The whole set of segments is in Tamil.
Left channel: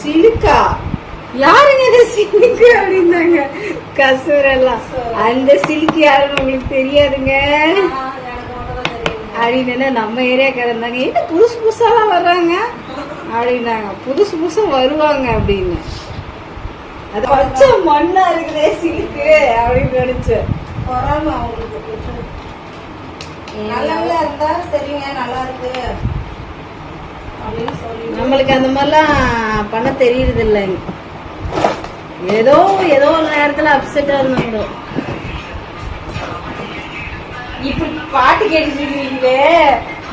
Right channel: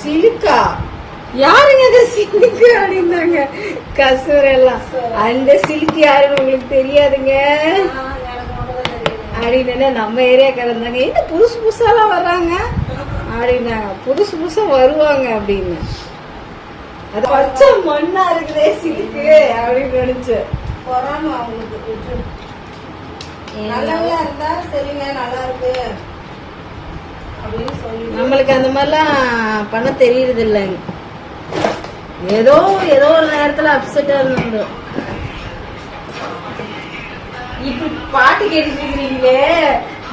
சிலுக்கா யாருங்க அது சிலுக்கு அப்படின்னாங்க கசூர் எல்லாம். அந்த சிலுக்கு யாருன்னு உங்களுக்கு தெரியாதுங்க அப்படின்னு நம்ம ஏரியாக்காரந்தாங்க. என்ன புதுசு புதுசாலாம் வர்றாங்க அப்படின்னாங்க. புதுசு புதுசா வருவாங்க அப்படின்னு. அது பச்சை மண்ணா இருக்குதே சிலுக்கு அப்படின்னு நினைச்சு. நம்மளுக்கு அந்த மாதிரிலாம் பண்ண தெரியுறது இல்லைங்க. ஏதோ ஏதோ ஒரு நேரத்துல அப்செட்டா இருந்தோம். இப்ப பாட்டு கேட்டுட்டு இருக்கிறீங்களே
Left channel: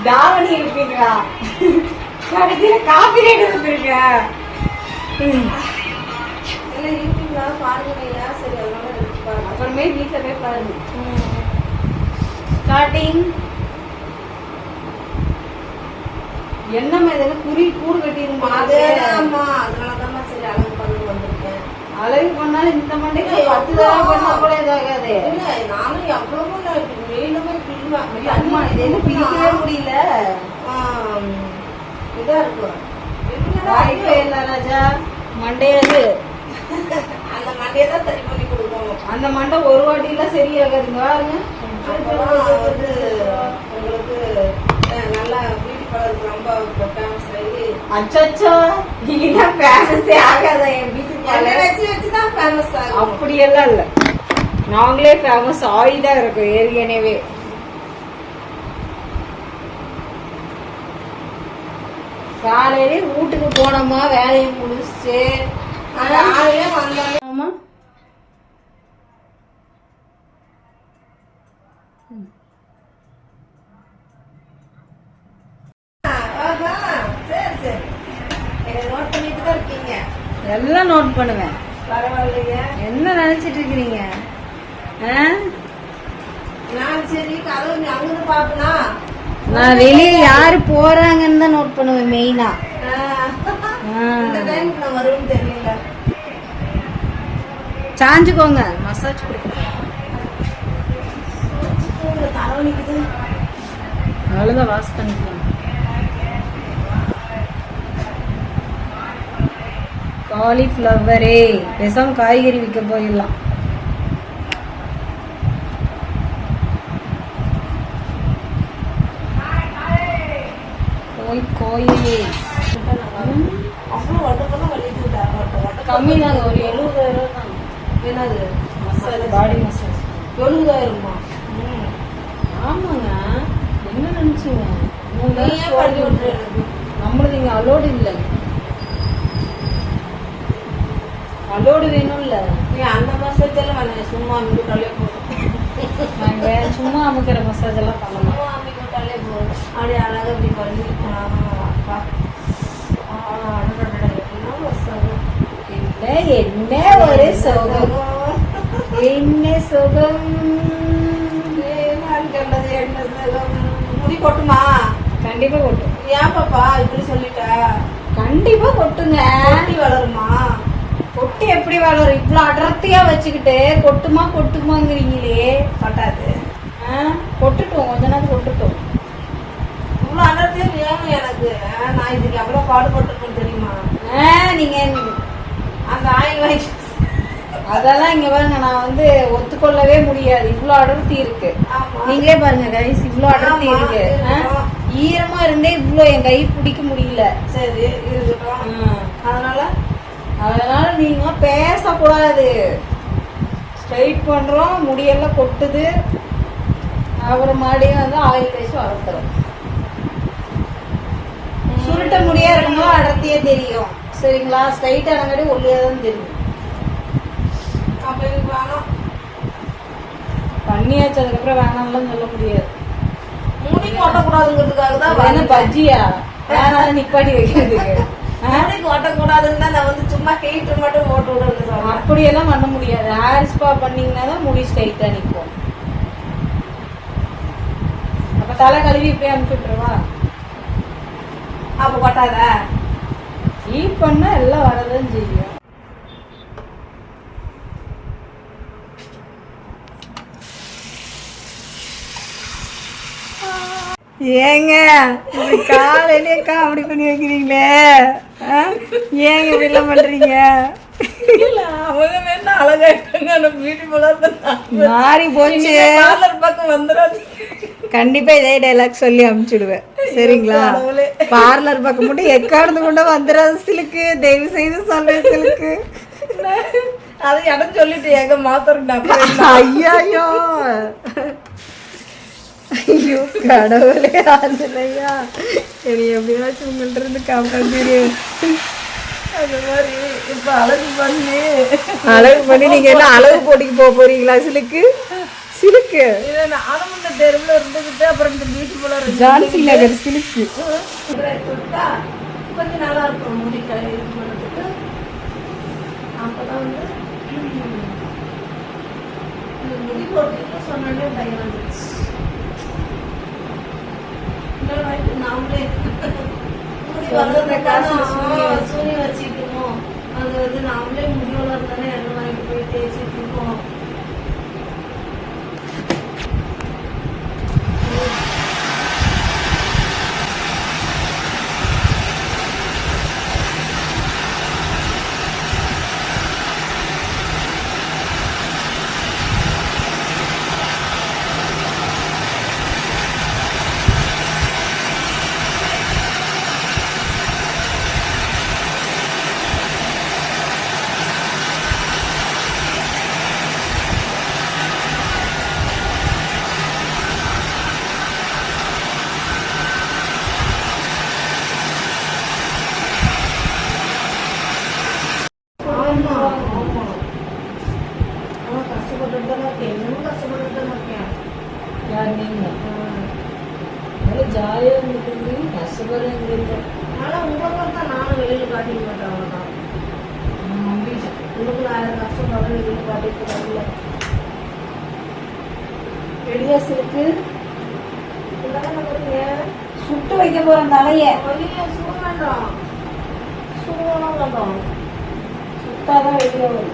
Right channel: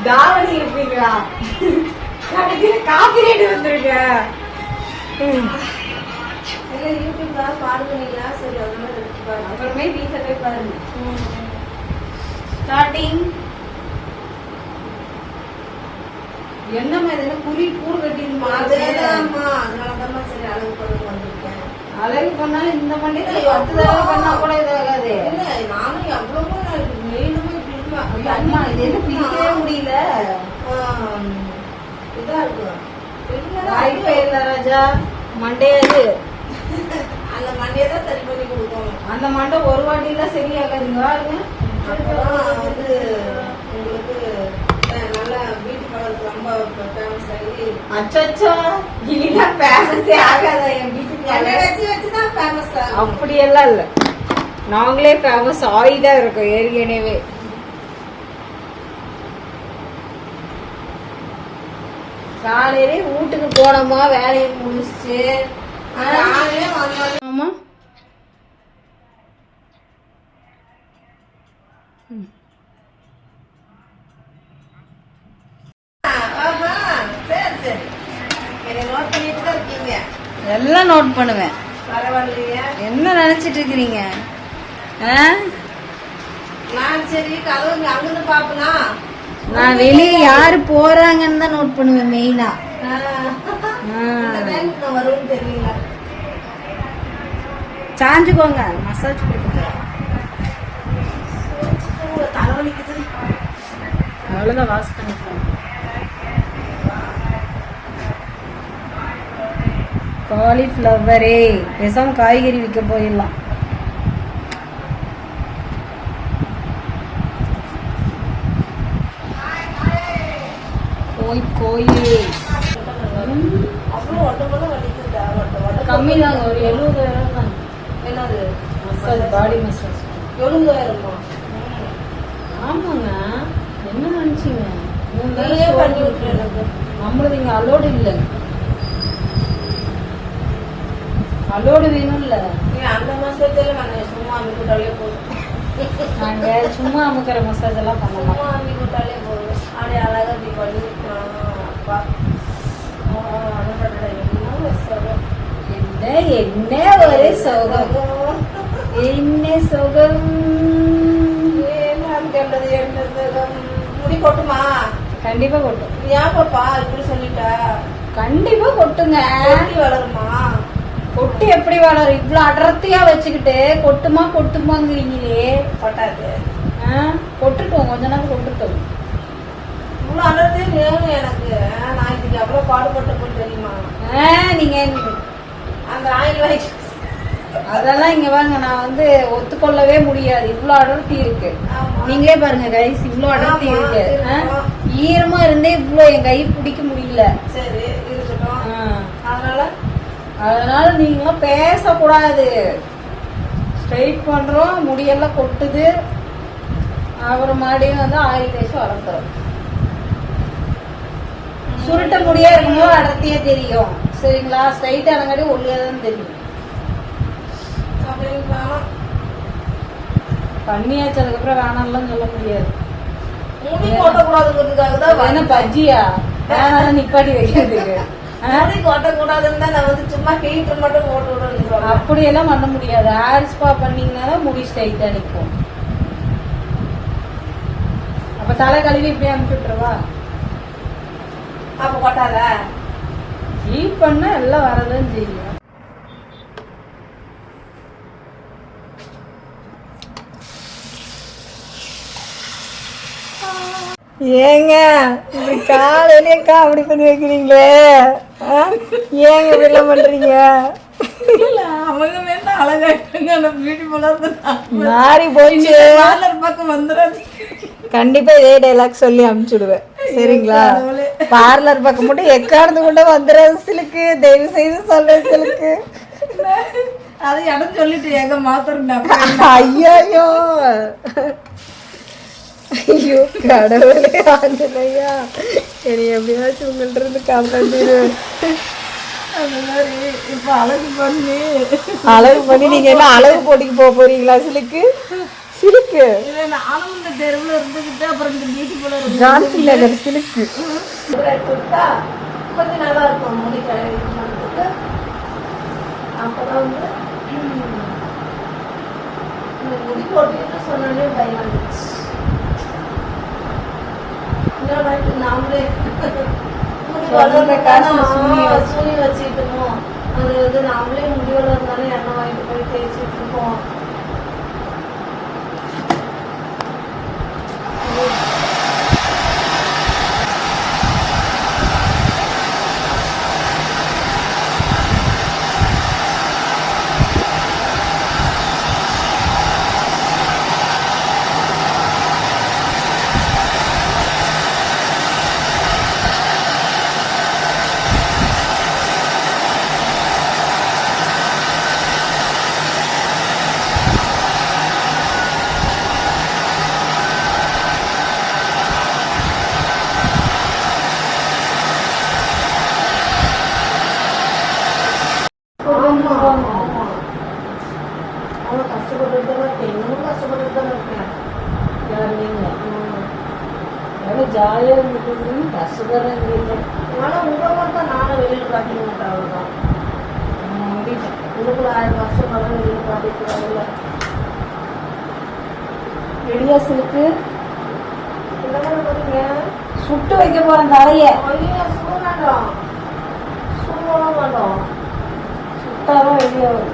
தாவணி இருப்பீங்களா? கடைசியில காப்பி ரேட் வந்துருக்க. அப்புறமே வீட்டுல போய் பாருங்க. ஸ்டார்டிங் என்ன மாதிரி குறி கூடு கட்டிருமா? அழகு பண்ணாலும் இந்த மண்டைக்கு 10 தடவை பண்ணா கூட இதாகாது. அம்மா இது என்ன பிரிக்கவே முடியல. வாய்ப்பே இல்ல ராஜா. மண்டையாது அந்த மண்டையதான் சரி பண்ணி கொடுக்கணும். அந்த மண்டை ஒரு வாட்டி எல்லாம் சரியாகாதுங்க. உங்களுக்கு நல்லா பியூட்டி பார்லருக்கு ரொம்ப ஃபேமஸ் ஆகி அச்சோ இதெல்லாம் ஃபேமஸே ஆகாத. என் பியூட்டி பார்லர் வச்சுதான் ஃபேமஸ் ஆகும் அப்படியெல்லாம் இல்ல. நாங்களே ஃபேமஸ் ஆகிதான் இருக்கோம் ஏற்கனவே. காலையிலே வீட்டுக்கு போனோமா வேலையை முடிச்சுட்டு ஆமா எல்லாம் நோட் பண்ணுவேன். என்ன நினைச்சிட்டு இருக்கிறீங்க? நான் வெளியே யாரு போறாங்கன்னு தான் நோட் பண்ணுவேன் மெயினா. சாஞ்சுக்கோங்க மசாஜ் கொடுக்க. அவ்வளவுதான் வாஷ் பண்ணிக்கலாம். காலிஃபிளவரே பேசாம காய்கறி விற்க போயிடலாம். கோயிலே கம்மி தாங்க. ஒரு 70,000 தாங்க. என்னது மசாஜ்? Body massage 70,000. ஆமாங்க. என்ன நினைச்சீங்க? நம்மளது இங்க அலோடு இல்லை. அலோடு வேணும் இல்ல. அந்த மசாஜ் எல்லாம் சும்மா அமுக்கிட்டாலே போதும். நாங்க சும்மா அமுக்கிற மசாஜ் எல்லாம் பண்ண மாட்டோம். அப்படி அழகா அப்படி பண்ணி என்ன ஒரு சுகம். என்ன சுகம். என்ன சுகம். முடி கொட்டுமா? கண்டிப்பா கொட்டும். ஏன் பாப்பா இப்படி சொல்லிட்ட? கண்டிப்பா கொட்டுங்க. வளருமா? கொட்டு எப்படி வளரும்? இவ்வளவு அடர்த்தியா வச்சுக்கிட்டு கொட்டுமா கொட்டுமாங்கிறீங்களே. கொட்டாது. கொட்டுட்டோம் கொஞ்ச நேரம் கொட்டுட்டோம். இவ்வளவு அடர்த்தியா வேணும் எனக்கு. நான் இதுக்கு எவ்வளவு பாடுபட்டிருக்கேன் தெரியுமா? நீங்க அந்த ஆயில் அதெல்லாம் இங்க பாருங்க. நான் வந்து ஒத்துக்கொள்ளவே முடியாது. இவ்வளவு அடர்த்தி இருக்கு. நீங்களே பாருங்க கைஸ், இவ்வளவு அடர்த்தி இருக்கு. ஈரமா இருந்தே இவ்வளவு என் கை பிடிக்க முடியல. சரி இருக்கட்டும். அதனால நீங்க பேசக்கூடாது. ஸ்ட்ரைட் பண்றோம், முடியெல்லாம் கொட்டுது. அப்புறம் மறுபடியும் வந்து ஆயில் தேய்ச்சி வளர்த்துறோம். சுருட்ட முடியா இருக்கும்போது அடர்த்தியே தெரியும். சரிங்களா? ஸ்ட்ரைட்டா இருங்காட்டி ஒல்லியாதான் தெரியும். பண்ணியாச்சு அதுக்கப்புறம் வேணாம்லாம் சொல்ல முடியாது. முடி கொட்டக்கூடாதுங்கிறதுக்காக தான் வேணும் பஜ்ஜியா வேணாம் நிப்பாட்டி வைக்கிறதுக்கு. அப்படியெல்லாம் பண்ண முடியாது. ஹேர் ஸ்பா பண்ணீங்கன்னா தான் முடி ஸ்ட்ரைட்டா நிற்கும். அப்ப தலை கழுவி இப்படியே அனுப்பிட்டுருவா. அப்ப கொட்டாத ஹீட் பண்ணா எல்லாம் வரதான் செய்யும். ஏங்க இப்படி காலையிலே காமெடி பண்ணி வைக்கிறீங்களே, ஏங்க இப்படிலாம் பண்றீங்க? மாறி போச்சு. பக்கம் வந்துடாது. கண்டிப்பா இதே டைலாக் சொல்லி அனுப்பிச்சுடுவேன், சரிங்களா? பார்லர் பக்கம் மட்டும் எக்காரணத்து கூட வந்துடாது சிலுக்கு, தயவு செய்து சொல்றேன் சிலுக்கு. அது எனக்கு சொல்லிட்டு எங்க மாத்திரம். ஐயோ ஐயோ கடவுளே, ஆஞ்சலையா என்னை எப்படியாச்சும் உங்கள்ட்ட இருந்து காப்பாற்றிடு. அந்த மாதிரி இப்ப அழகு பண்ணி நீங்க என்ன அழகு போட்டிக்கு போக போறீங்களா சிலுக்கு? சிலுக்கு ஆனந்த தேர்வுல இருந்துகிட்டு அப்புறம் இந்த பியூட்டி பார்லர் ஜான்சி நகர் சிலுக்கு கொஞ்சம் நல்லா இருக்கும் முடி கழுவிக்கு. அப்புறம் வந்து இந்த முடி போட்டு சொன்னாலே பயம் வந்துச்சு. நாமளே முடி வளர்ந்த சூனி வச்சுக்கணும், அது வந்து நாமளே முடி வளர்ந்தாலும் எண்ணெய் வாங்கிட்டு போய் தேய்ச்சிட்டு இருக்கோம். ஜாலியா இருந்துட்டு கஷ்டப்பட ஆனா உங்களை பார்த்தா நானும் வெளியில காட்டிக்க மாட்டேன். அவ்வளவுதான் உள்ள கூட 1000 கஷ்டப்பட வெளியில காட்டிக்கிறாங்கல்ல. ரெடியாசுக்கு சுட்டு வைக்க போறேன் தலைய. சுட வேண்டாம், சுடலாம் வேண்டாம், சுட்டாதான் வெளியே வரும்.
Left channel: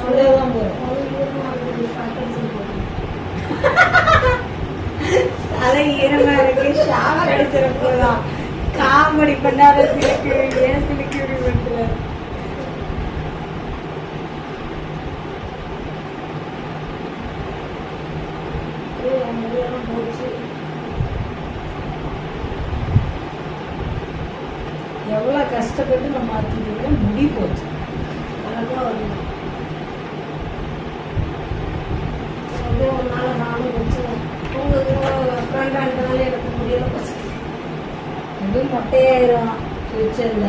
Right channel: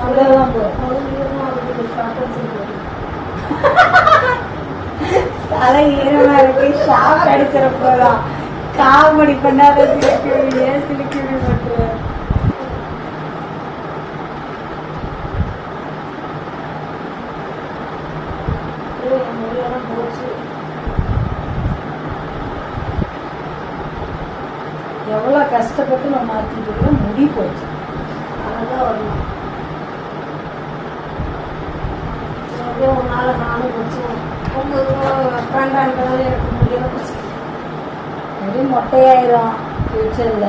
சுடலாம் போறேன். தலை ஈரமா இருக்கு, ஷாக் அடிக்கிறப்பதான் காமெடி பண்ணாத சிலுக்கு, ஏன் சிலுக்கு பண்ற? எவ்வளவு கஷ்டப்பட்டு நம்ம மாத்திட்டு முடி போச்சு. அதான் வரணும். ஒரு நாள் நானும் கொஞ்சம் உங்க ஃப்ரெண்டான்றது எனக்கு முடியல போச்சு. முடி மொட்டையாயிரும் ஃபியூச்சர்ல.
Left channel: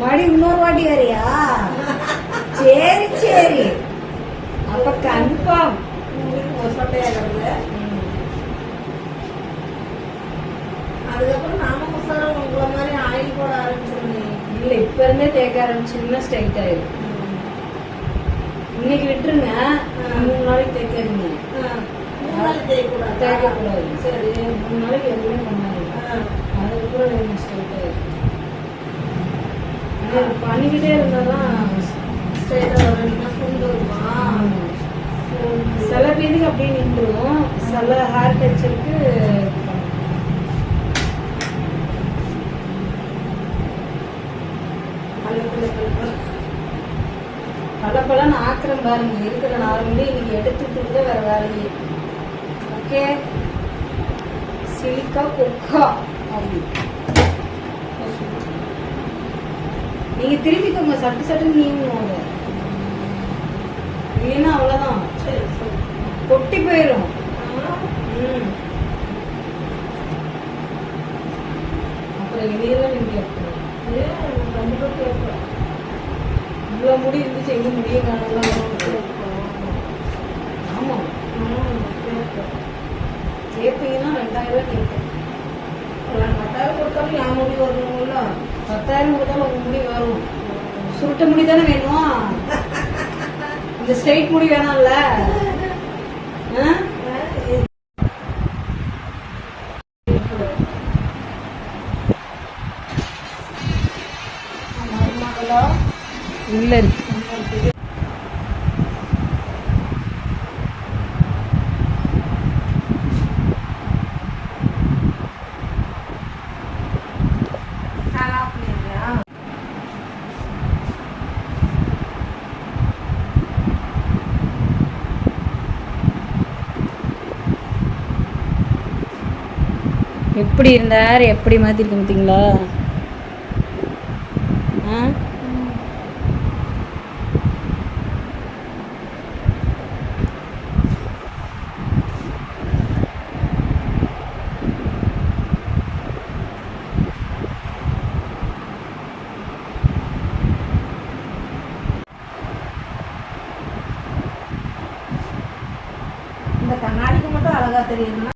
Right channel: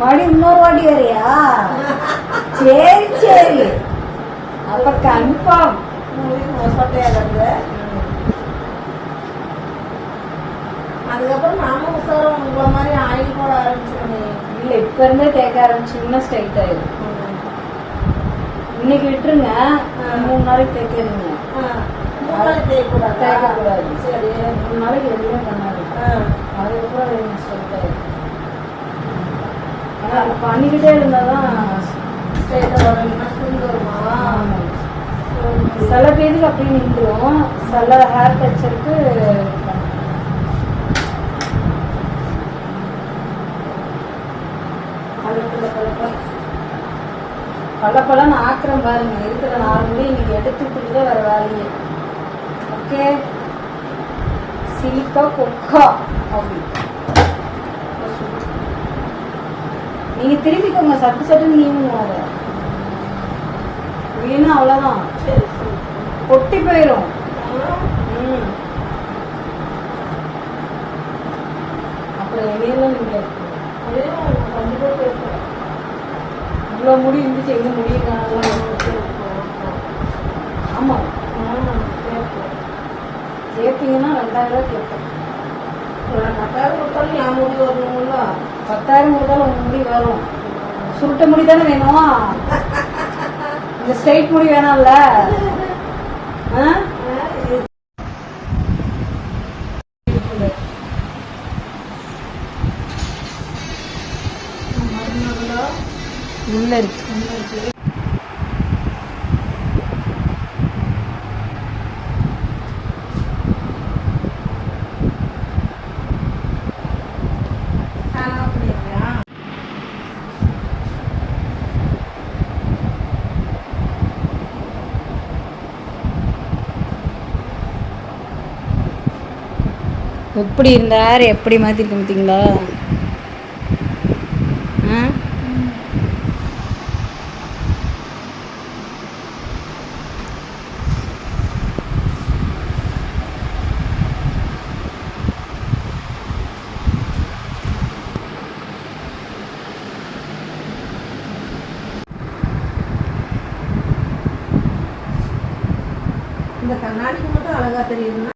மடி இன்னொரு வாட்டி வரியா? சரி சரி, அப்ப கன்ஃபார்ம் சொட்டையாகிறது. அதுக்கப்புறம் நானும் உசாரம் உங்களை மாதிரி ஆயில் போட ஆரம்பிச்சிருந்தேன். இல்ல இப்ப இருந்தே தேக்க ஆரம்பிச்சுன்னா ஸ்ட்ரைட் ஆயிடும். இன்னைக்கு விட்டுருங்க, 3 நாளைக்கு தேய்க்கிறீங்க. 3 நாளைக்கு தேய்க்கக்கூடாது. சரி, 3 நாளைக்கு எதுவுமே பண்ணாது. அதுக்கப்புறம் ஸ்ட்ரைட் ஆயிடும். ஆனா பண்ணிக்கிட்டே இருந்தாதான் ஸ்ட்ரைட்டா வரணும்னா சுண்டு வருமா? சில பேருக்கு அப்படியே நின்றுடும், சில ஹேர் டச்சருக்கு பலப்பலன்னு ஆக்கிரம் பாருங்க. இருக்கிற 4 மணி நீங்க எடுத்துக்கிட்டு வேற வேலையே. ஓகே, சிலிக்கா கொக்கா அப்படி நீங்க திரும்பிக்கோங்க, சட்டு சட்டுன்னு நீங்க இல்லைன்னா அவ்வளவுதான், கொட்டி போயிடும். அப்புறம் வெளியெல்லாம் நீங்க கண்டிப்பா கேட்பேன். இவ்வளவு முடி இருந்துச்சு, எங்க முடிய ஆமா கேட்பீங்கன்னா 2000 ரூபாய் கேட்பேன். 10,000 கொடுத்தாலும் என் முடி வரணும்ல. 10,000 கொடுத்தாலும் உங்க முடி வரும். சுருட்ட முடி தானே வேணும், இந்த ஸ்ட்ரைட் முடி வேணாம்ல. உள்ள இருக்கு. எப்படி இருந்தார், எப்படி மாற்றிருக்க பார்த்தீங்களா? ஆ, இந்த கண்ணாடிக்கு மட்டும் அழகா தெரியுதுன்னா